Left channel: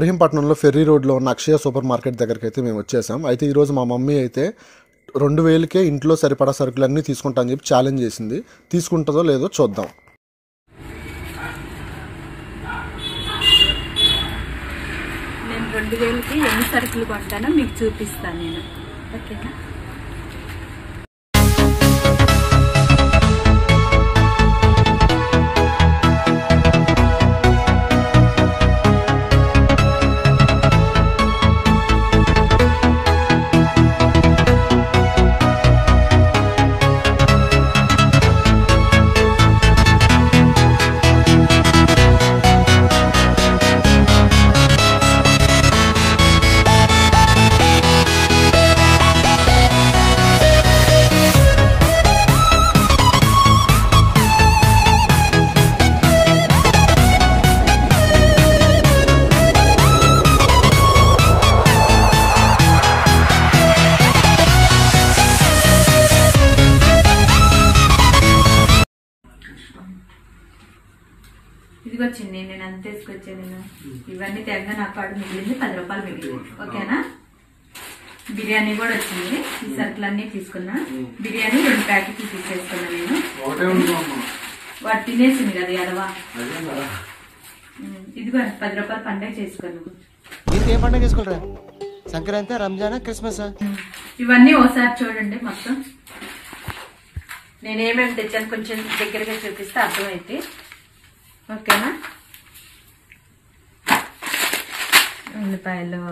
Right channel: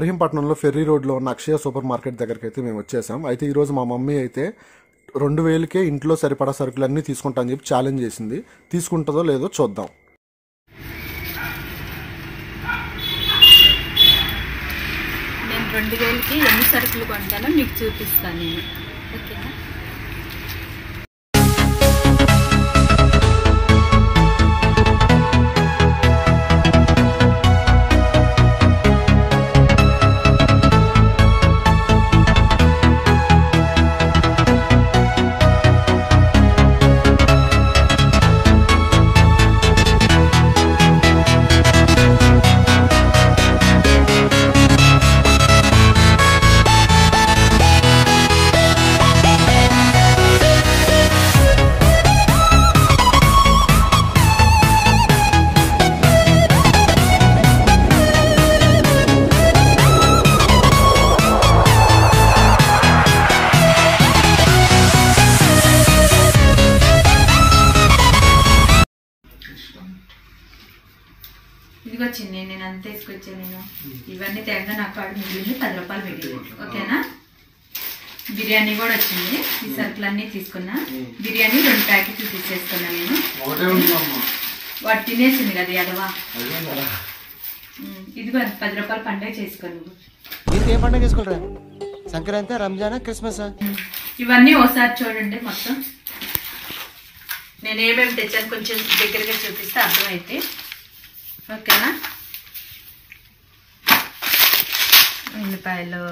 ఇబ్రహీంపట్నంలో ferry రోడ్లో ఉన్న అక్షయ super market దగ్గరికి అయితే మేము వచ్చేసాం. అయితే ఈరోజు మా మమ్మీ అయితే 2000కే ఇంట్లో సరిపడా సరుకులన్నీ తీసుకుంటా అని చెప్పి ఛాలెంజ్ చేసింది. తీసుకుంటుందో లేదో చూద్దాం. నేను 2000కి ఎన్ని సరుకులు కొంటానో మీకు చూపిస్తాను నేను. ఓకేనా? ఇదిగో వచ్చింది, నేను అంత తీసుకొచ్చాను. నేను ఇవన్నీ తెగ నాకు కాడు మిగిలింది 10 రూపాయలు మిగిలింది. ఓకేనా? బిర్యానీ కూడా వచ్చింది. ఈ సరుకులన్నీ తీసుకున్నా. బిర్యానీ 2 ప్యాకెట్లు తీసేసుకున్నా నేను. వాడు తినేసింది కదా ఎడవా. ఇదిగో 10 రూపాయలు పండుగ చేసుకోను. ఏ పండుగ చేసుకోరా? సంక్రాంతి, రంజాన్, క్రిస్మస్. ఇవన్నీ ఓసారి చూడండి మొత్తం. నేను ఏమేమి తెచ్చాను కొంచెం దగ్గరగా చూపిస్తే అర్థమైతే. ఓకేనా? ఉల్లిపాయలు,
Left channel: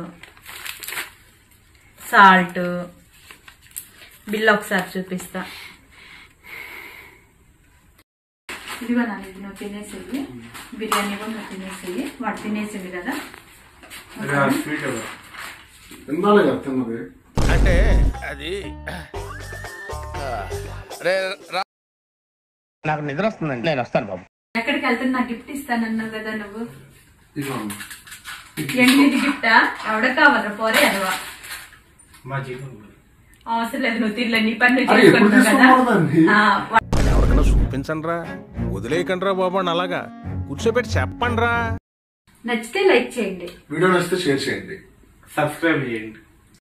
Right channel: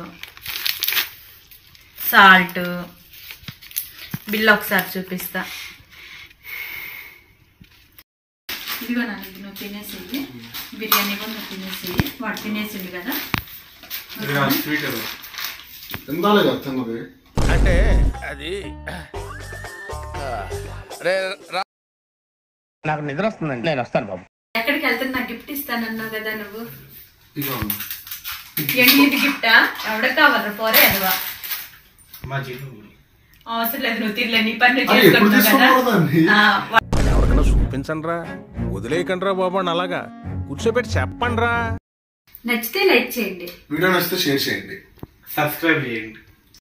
సాల్ట్, బిల్లు ఒకసారి చూపిస్తా. ఇదిగో నాన్న, ఇది నువ్వు తినేసేయి. బిర్యానీ కూడా నువ్వు తినేసేయి. వాడు తినేసింది కదా. అంటే అది నాకు నిద్ర వస్తుందండి, నేను వస్తాను బాబు. ఎక్కడికి వెళ్తాను? నాకు గిఫ్ట్ ఇస్తానన్నావు కదా నువ్వు. ఏంటి ఇది గిఫ్టా? ఎవడ కావాలరా? పోరే అదవా. అవసరం లేదు, నువ్వు తిరలే, నీ పని నువ్వు చేసుకుంటున్నావు కదా. ఎవరికైనా చూపించండి రా, వదిలేయకండి రా బాబు అని అలాగా కూర్చోబెట్టి చెప్పండి రా. నచ్చితే లైక్ చేయండి, వీడియో నచ్చితే షేర్ చేయండి, సబ్స్క్రైబ్ చేయండి.